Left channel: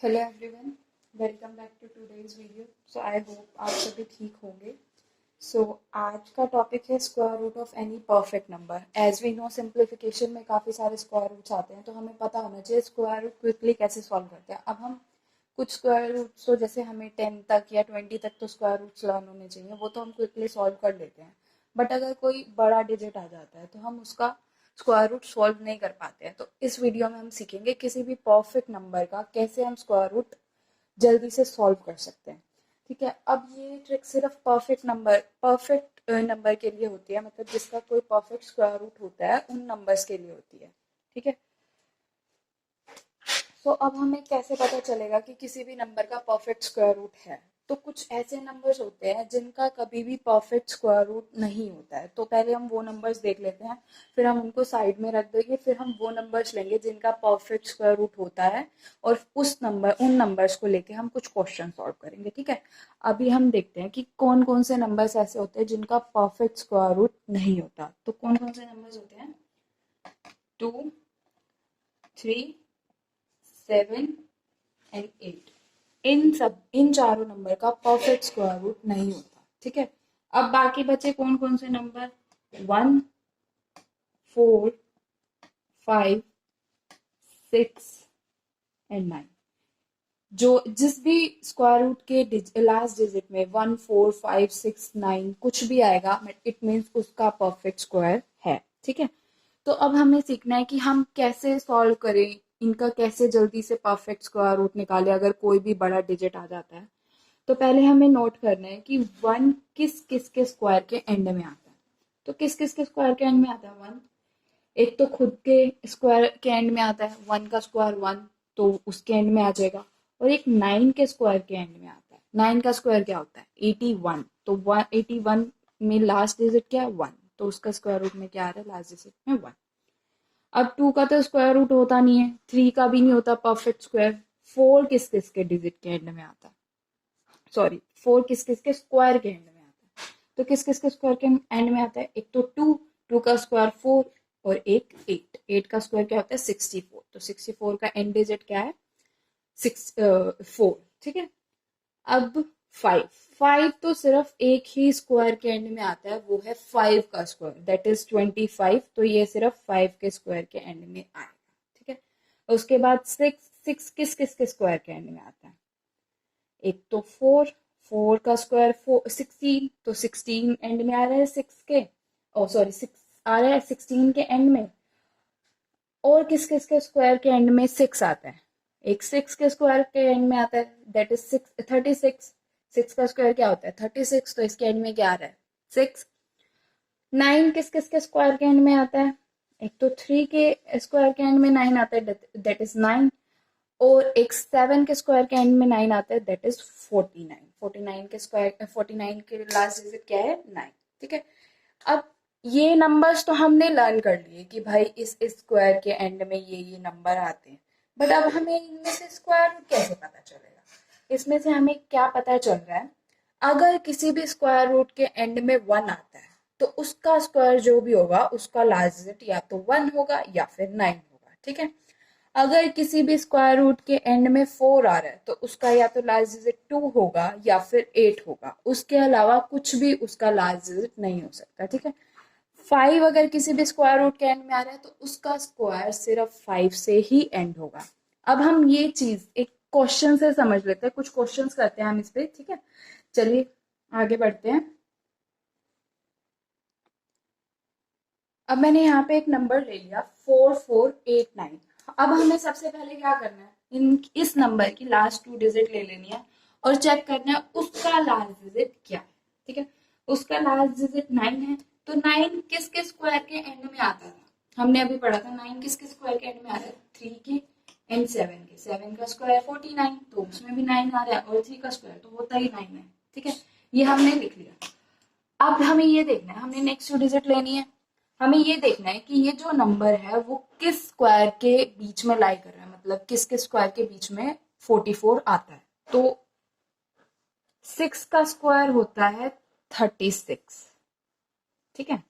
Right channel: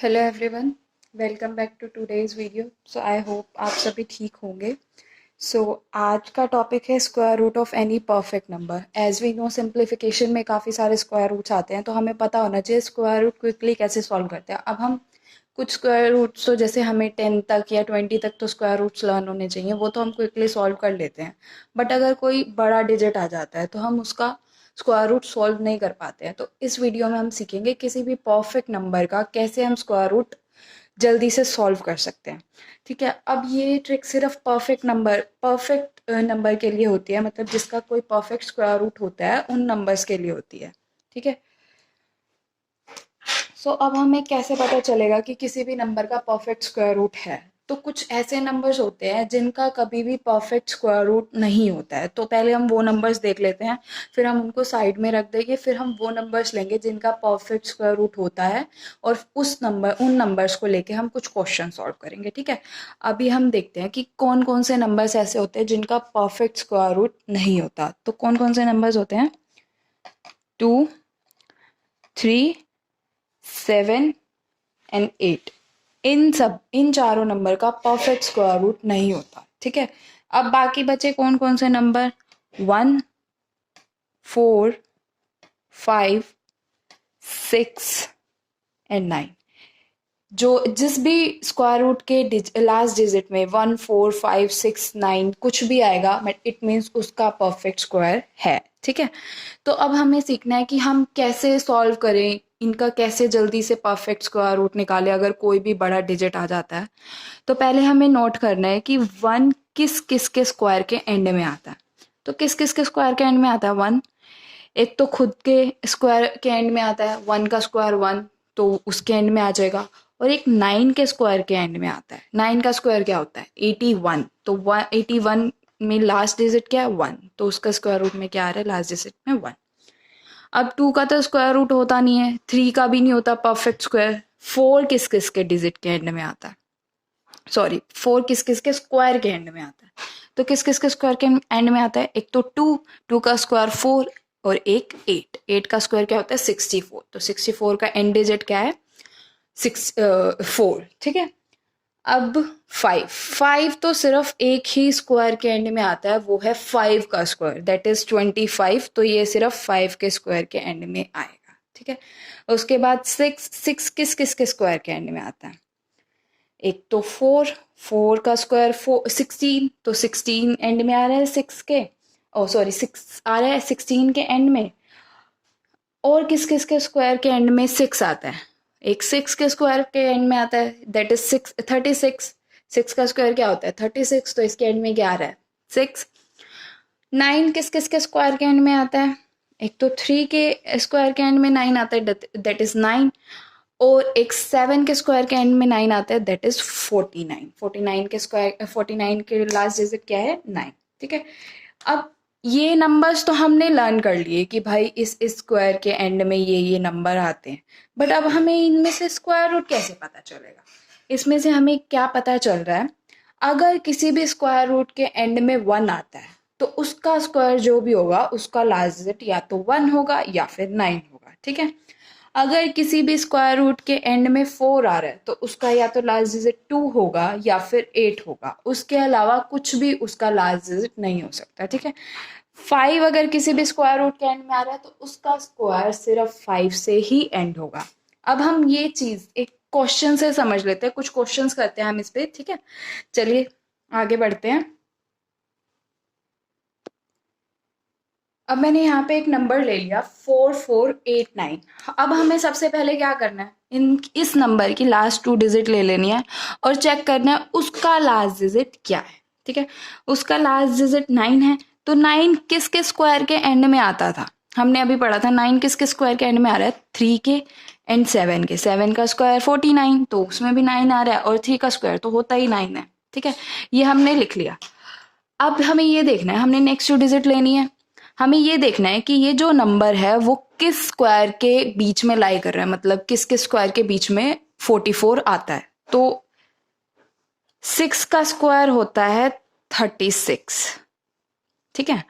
Hello everyone, welcome back to today's video. I hope आप सभी ठीक होंगे। आज का टॉपिक है square root of any perfect number. As we know, simplification में काफ़ी सारे स्क्वायर रूट्स आते हैं, तो हमें पता होना चाहिए स्क्वायर रूट क्विकली कैसे सॉल्व करते हैं। अब हम कुछ स्क्वायर रूट्स, तो जैसे हमें 10 तक या 20 तक तो स्क्वायर रूट्स लर्न होने चाहिए, वो तो हम क्विकली सॉल्व कर लेते हैं। बट अगर कोई बड़ा डिजिट आ जाता है तो हम उसका स्क्वायर रूट सॉल्व नहीं कर पाते हैं। तो इस वीडियो में हम सीखेंगे किसी भी परफेक्ट नंबर का कैसे हम स्क्वायर रूट जल्दी से सॉल्व कर सकते हैं। ठीक है, अब ये ट्रिक सिर्फ परफेक्ट नंबर के लिए होती है, मतलब जिसका कोई परफेक्ट स्क्वायर रूट होता है उन नंबर्स के लिए होती है। ठीक है, अब हमें कैसे पता चलेगा कि किसी भी नंबर का परफेक्ट स्क्वायर रूट है। तो कुछ ऐसे नंबर्स होते हैं जिनका कभी भी परफेक्ट स्क्वायर रूट नहीं होता है, तो पहले हम वो नंबर्स देख लेते हैं, फिर हम उनको साइड में रख देंगे, फिर हम वो नंबर्स लेंगे जिनका परफेक्ट स्क्वायर रूट होता है, और उन नंबर्स को लेके हम कुछ क्वेश्चन सॉल्व करेंगे। ठीक है, अभी हम देखते हैं कि कौन कौन से नंबर्स ऐसे होते हैं जिनका परफेक्ट स्क्वायर रूट नहीं होता। तो कौन कौन से नंबर्स होते हैं? 2, 3, 7 एंड 8। इन चारों नंबर का परफेक्ट स्क्वायर रूट नहीं होता। ठीक है, अब बाकी बचे कौन कौन से नंबर? 1, 4, 5, 6 एंड 9। जो जिस भी स्क्वायर रूट के लास्ट डिजिट में 1, 4, 5, 6, 9 कुछ भी आएगा, बट इट मीन्स उसका परफेक्ट स्क्वायर है। ठीक है, तो अब हमें सीखना है कि हम कैसे सॉल्व करें, इनका कैसे जल्दी से परफेक्ट स्क्वायर रूट निकालें अगर कोई भी बड़ा डिजिट आ जाता है। तो पहले हमें नोट करना है कि 1 किस किस के स्क्वायर के एंड में आता है। तो किस किस के स्क्वायर के एंड में आता है 1? एक तो खुद के स्क्वायर के एंड में आता है, 1 का स्क्वायर 1, तो उसके एंड में आ जाएगा। और एक 9 के स्क्वायर के एंड में आता है। 9 का स्क्वायर क्या होता है? 81। तो 81 में लास्ट डिजिट क्या है? 1, तो उसका स्क्वायर रूट में क्या आ रहा है? लास्ट डिजिट में 1। अब 2 का तो स्क्वायर रूट होता नहीं है, 3 का भी नहीं होता परफेक्ट स्क्वायर। 4 किस किस के डिजिट के एंड में आता है? सॉरी, 4 किस किस के स्क्वायर के एंड में आता है? तो किस किस के स्क्वायर के एंड में आता है? एक तो 2, 2 का स्क्वायर 4, और एक 8। 8 का स्क्वायर क्या होता है? 64। तो 64 का एंड डिजिट क्या है? 4। ठीक है, अब 5। 5 तो सिर्फ एक ही स्क्वायर के एंड में आता है, वो है 5 का स्क्वायर, दैट इज 25। तो ये सिर्फ 5 के स्क्वायर के एंड में आएगा। ठीक है, उसके बाद 6। 6 किस किस के स्क्वायर के एंड में आता है? एक तो 4। 4 का स्क्वायर 16, तो 16 एंड में आ रहा है 6 के। ओ सॉरी, 6 आ रहा है 16 के एंड में। और किस किस के स्क्वायर के एंड में 6 आता है? एक 6 के स्क्वायर के एंड में आता है, दैट इज 36। 6 का स्क्वायर क्या होता है? 36। तो इसके एंड में क्या आ रहा है? 6। 9 किस किस के स्क्वायर के एंड में आता है? एक तो 3 के स्क्वायर के एंड में 9 आता है, दैट इज 9। और एक 7 के स्क्वायर के एंड में 9 आता है, दैट इज 49। 49 के स्क्वायर, 49 के लास्ट डिजिट क्या है? 9। ठीक है, अब ये नंबर्स तो हमने लर्न कर लिए कि भाई इस स्क्वायर के एंड में ये नंबर आते हैं। बट अब हमें इनमें से स्क्वायर रूट कैसे पता चलेगा? इसमें से हमें क्या पता चल रहा है? अगर किसी भी स्क्वायर रूट के एंड में 1 आता है, तो उसका स्क्वायर जो भी होगा उसका लास्ट डिजिट या तो 1 होगा या फिर 9 होगा। ठीक है, अगर किसी भी स्क्वायर रूट के एंड में 4 आ रहा है, तो उसका या तो लास्ट डिजिट 2 होगा या फिर 8 होगा, उसके अलावा कुछ भी उसका लास्ट डिजिट नहीं हो सकता। ठीक है, 5 अगर किसी भी स्क्वायर रूट के एंड में आ रहा है, तो उसका स्क्वायर सिर्फ 5 से ही एंड होगा। अब हम ये चीज एक क्वेश्चन से समझ लेते हैं, कुछ क्वेश्चंस करते हैं हम इस पे। ठीक है, चलिए आगे बढ़ते हैं। अब मैंने यहाँ पे एक नंबर ले लिया 4489। अब हमें सबसे पहले क्या करना है? इस नंबर की लास्ट 2 डिजिट ले लेनी है और चेक करना है उसका लास्ट डिजिट क्या है। ठीक है, उसका लास्ट डिजिट 9 है, तो 9 किसके स्क्वायर के एंड में आता था? हमने अभी पढ़ा था 9 किसके स्क्वायर के एंड में आ रहा है? 3 के एंड 7 के। 7 का स्क्वायर 49, तो उसमें भी 9 आ रहा है, और 3 का स्क्वायर तो होता ही 9 है। ठीक है, ये हमने लिख लिया। अब हमें ये देखना है, हमने नेक्स्ट 2 डिजिट लेनी है। हमें ये देखना है कि ये जो नंबर है वो किस स्क्वायर के बीच में लाई कर रहा है, मतलब किस किस स्क्वायर के बीच में 44 आता है। तो 6 का स्क्वायर होता है 36। ठीक है,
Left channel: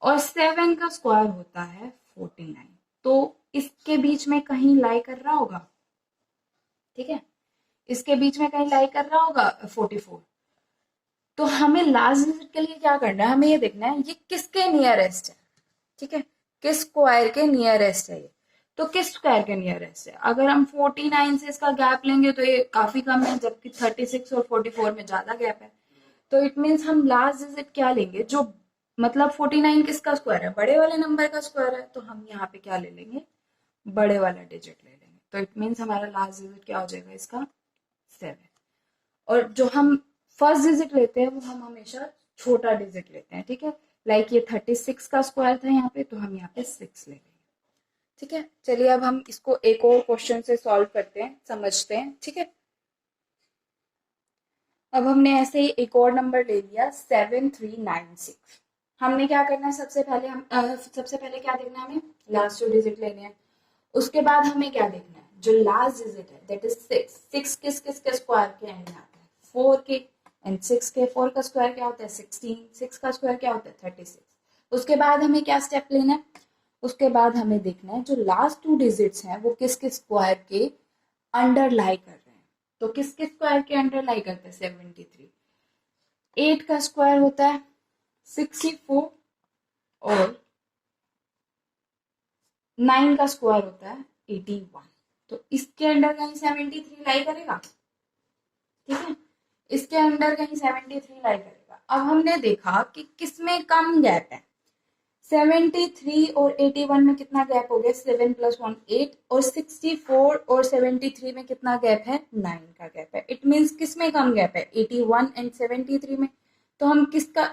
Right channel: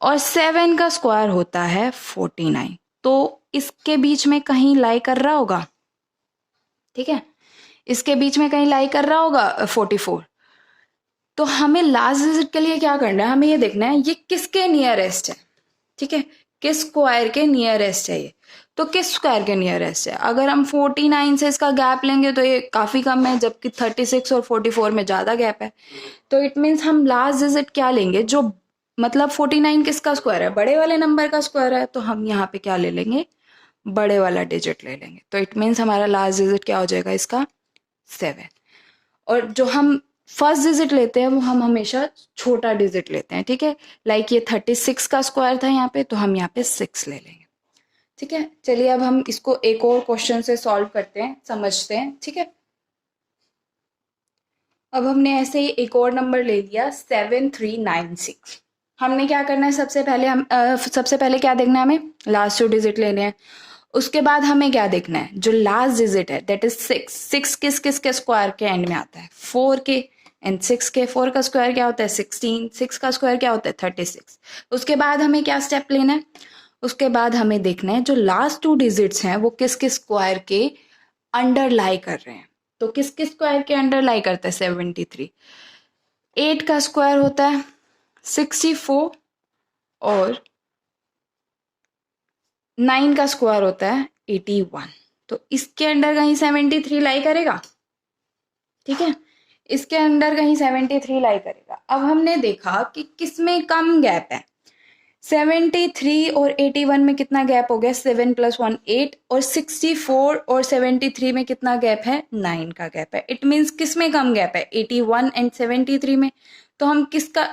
और 7 का स्क्वायर होता है 49। तो इसके बीच में कहीं लाई कर रहा होगा। ठीक है, इसके बीच में कहीं लाई कर रहा होगा 44। तो हमें लास्ट डिजिट के लिए क्या करना है, हमें ये देखना है ये किसके नियरेस्ट है। ठीक है, किस स्क्वायर के नियरेस्ट है ये, तो किस स्क्वायर के नियरेस्ट है। अगर हम 49 से इसका गैप लेंगे तो ये काफी कम है, जबकि 36 और 44 में ज्यादा गैप है। तो इट मीन्स हम लास्ट डिजिट क्या लेंगे, जो मतलब 49 किसका स्क्वायर है, बड़े वाले नंबर का स्क्वायर है, तो हम यहाँ पे क्या ले लेंगे, बड़े वाला डिजिट ले लेंगे। तो इट मीन्स हमारा लास्ट डिजिट क्या हो जाएगा इसका, 7। और जो हम फर्स्ट डिजिट लेते हैं वो हम हमेशा छोटा डिजिट लेते हैं। ठीक है, लाइक ये 36 का स्क्वायर था यहाँ पे, तो हम यहाँ पे 6 ले लेंगे। ठीक है, चलिए अब हम इसको एक और क्वेश्चन से सॉल्व करते हैं, समझते हैं। ठीक है, अब हमने ऐसे ही एक और नंबर ले लिया 7396। हमने क्या करना है, सबसे पहले क्या देखना है, हमें लास्ट 2 डिजिट लेने हैं। उसके बाद हमें क्या देखना है, जो लास्ट डिजिट है दैट इज 6। 6 किस किस के स्क्वायर के एंड में आता है, 4 के, एंड 6 के 4 का स्क्वायर क्या होता है 16, 6 का स्क्वायर क्या होता है 36। उसके बाद हमें क्या स्टेप लेना है, उसके बाद हमें देखना है जो लास्ट 2 डिजिट्स हैं वो किस किस स्क्वायर के अंडर लाई कर रहे हैं। तो किस किस स्क्वायर के अंडर लाई करता है 73। 8 का स्क्वायर होता है 64 और 9 का स्क्वायर होता है 81। तो इसके अंडर कहीं 73 लाई करेगा। ठीक है, इसके अंडर कहीं 73 लाई करेगा। अब हमने देखा कि किसमें कम गैप है, 73 और 81 में कितना गैप हो गया, 7 + 1 8, और 64 और 73 में कितना गैप है, 9 का गैप है। इट मीन्स किसमें कम गैप है, 81 एंड 73 में। तो हम किसका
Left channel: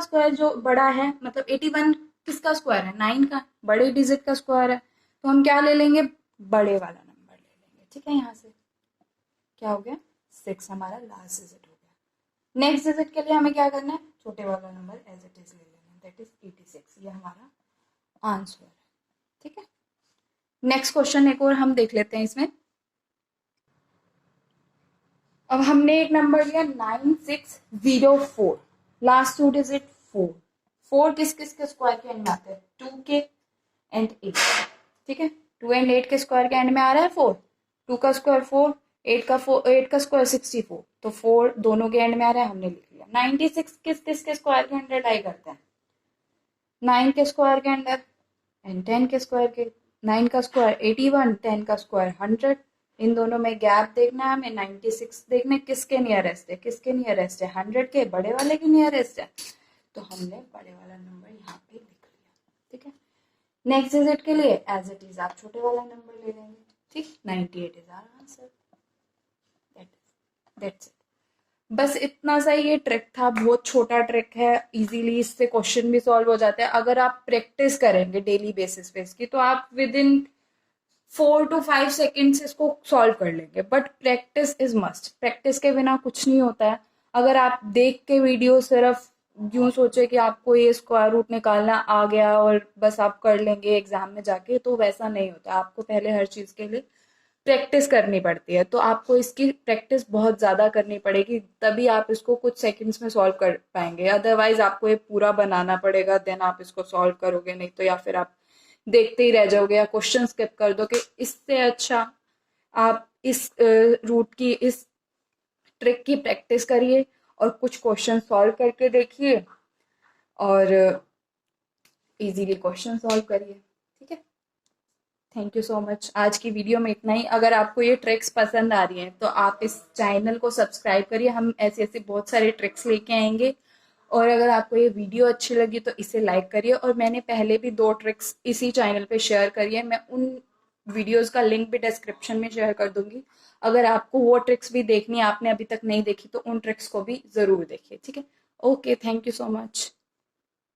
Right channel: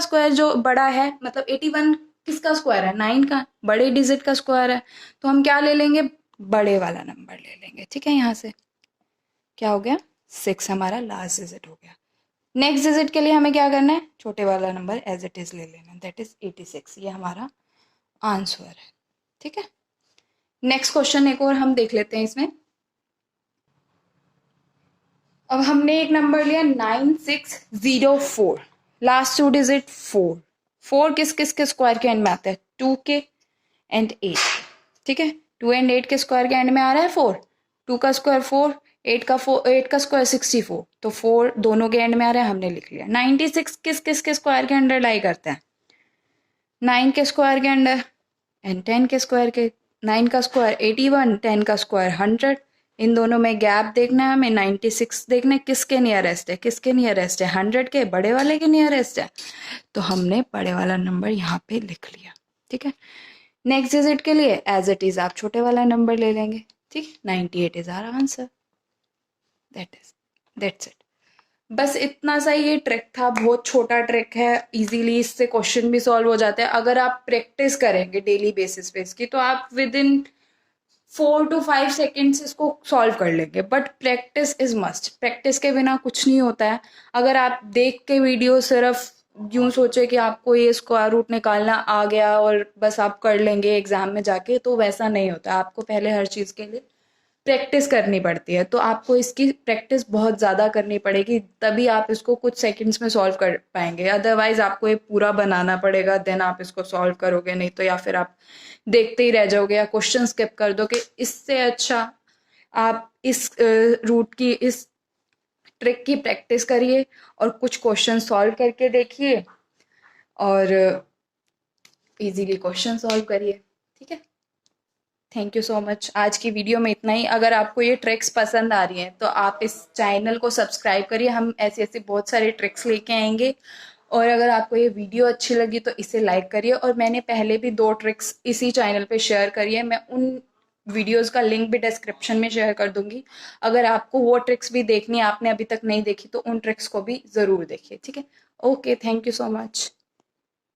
स्क्वायर जो बड़ा है, मतलब 81 किसका स्क्वायर है, 9 का, बड़े डिजिट का स्क्वायर है। तो हम क्या ले लेंगे, बड़े वाला नंबर ले लेंगे। ठीक है, यहाँ से क्या हो गया, 6 हमारा लास्ट डिजिट हो गया। नेक्स्ट डिजिट के लिए हमें क्या करना है, छोटे वाला नंबर एज इट इज ले लेना, दैट इज 86। ये हमारा आंसर है। ठीक है, नेक्स्ट क्वेश्चन एक और हम देख लेते हैं इसमें। अब हमने एक नंबर लिया 9604, लास्ट 2 डिजिट 4। 4 किस किस के स्क्वायर के एंड में आता है, 2 के एंड 8। ठीक है, 2 एंड 8 के स्क्वायर के एंड में आ रहा है 4। 2 का स्क्वायर 4, 8 का स्क्वायर 64, तो 4 दोनों के एंड में आ रहा है, हमने लिख लिया। 96 किस किस के स्क्वायर के अंडर लाई करता है, 9 के स्क्वायर के अंडर एंड 10 के स्क्वायर के। 9 का स्क्वायर 81, 10 का स्क्वायर 100। इन दोनों में गैप देखना है हमें, 96 देखना है किसके नियरेस्ट है, किसके नियरेस्ट है, 100 के, बड़े वाले के नियरेस्ट है। तो हमने बड़े वाला नंबर यहाँ पे लिख लिया। ठीक है, नेक्स्ट डिजिट के लिए एज इट इज आप छोटे वाला नंबर ले लेंगे। ठीक, 98 is our answer, that's it. बस इतना सा ये ट्रिक था, बहुत छोटा ट्रिक है, इजीली इससे क्वेश्चन भी सॉल्व हो जाते हैं। अगर आप प्रैक्टिस करेंगे डेली बेसिस पे इसकी, तो आप विद इन 4 to 5 सेकेंड्स इसको सॉल्व कर लेंगे। But practice is must, practice के बिना कुछ नहीं होता है। अगर आप देख के वीडियो सिर्फ यूं सोचे कि आपको ये स्क्वायर रूट निकालना आ गया और बस आप कर लेंगे एग्जाम में जाके, तो वैसा नहीं होता। आपको पहले हर चीज के लिए प्रैक्टिस करनी पड़ती है। तो आपको इसकी प्रैक्टिस बहुत ज़्यादा करनी पड़ेगी, तभी आप इसको कुछ सेकंड्स में सॉल्व कर पाएंगे। अदरवाइज आपको ये पूरा बनाना पड़ेगा, देन आप इसको सॉल्व करोगे। नहीं तो या फिर आप देखते ही रह जाओगे या क्वेश्चन स्किप कर दो। कि इससे अच्छा आप इस रूट की, इस ट्रिक की प्रैक्टिस करिए और कुछ क्वेश्चन सॉल्व करके देखिए और इजीली क्वेश्चन सॉल्व करिए। ठीक है, थैंक यू सो मच। आज की वीडियो में इतना ही। अगर आपको ये ट्रिक्स पसंद आ रही हैं तो आप इस चैनल को सब्सक्राइब करिए, हम ऐसी ऐसी बहुत सारी ट्रिक्स लेके आएंगे। और अगर आपको ये वीडियो अच्छी लगी तो इसे लाइक करिए। और मैंने पहले भी 2 ट्रिक्स इसी चैनल पे शेयर करी है, मैं उन वीडियोस का लिंक भी डिस्क्रिप्शन में शेयर कर दूंगी। अगर आपको वो ट्रिक्स भी देखनी है, आपने अभी तक नहीं देखी, तो उन ट्रिक्स को भी ज़रूर देखिए। ठीक है, okay, thank you so much.